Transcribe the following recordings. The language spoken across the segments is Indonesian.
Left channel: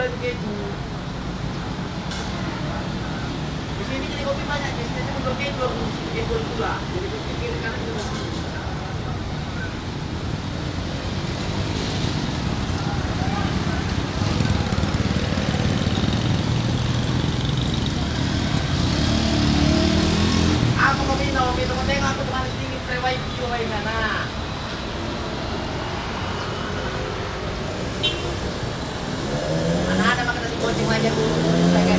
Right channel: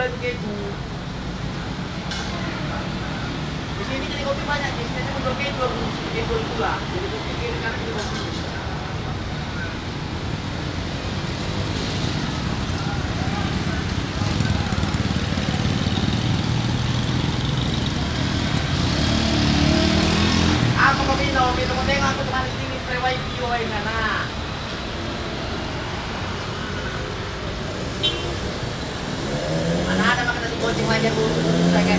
gula itu keju. Di sini jadi kopi banyak, di sini untuk keju gula. Jadi kopi kiri kanan juga. Aku mau minum tengok aku kemarin dingin terewai bio ini nah. Mana ada makan nasi goceng aja bu, lagi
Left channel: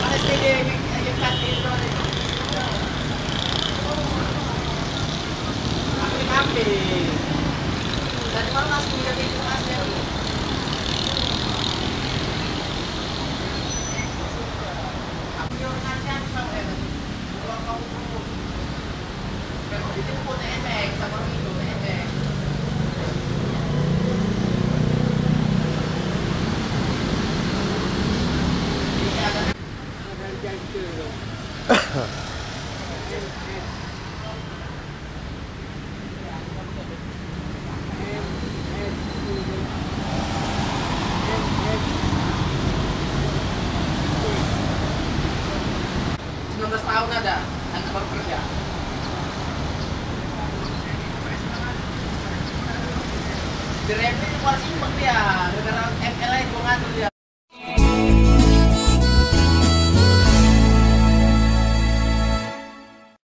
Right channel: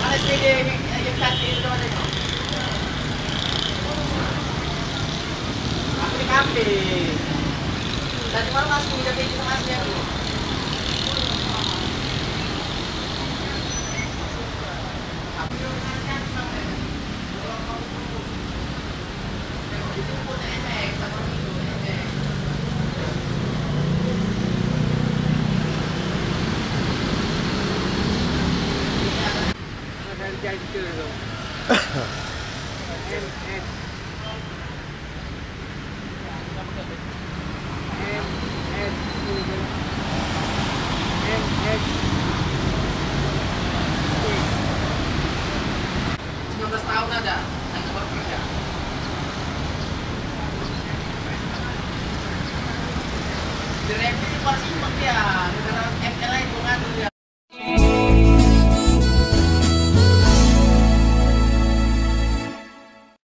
mana SPG yang kasih itu aku di kafe. Tadi malam masih udah kayak gitu mas ya. Tahun ada, anak baru kerja. Direktur di Polisi dia,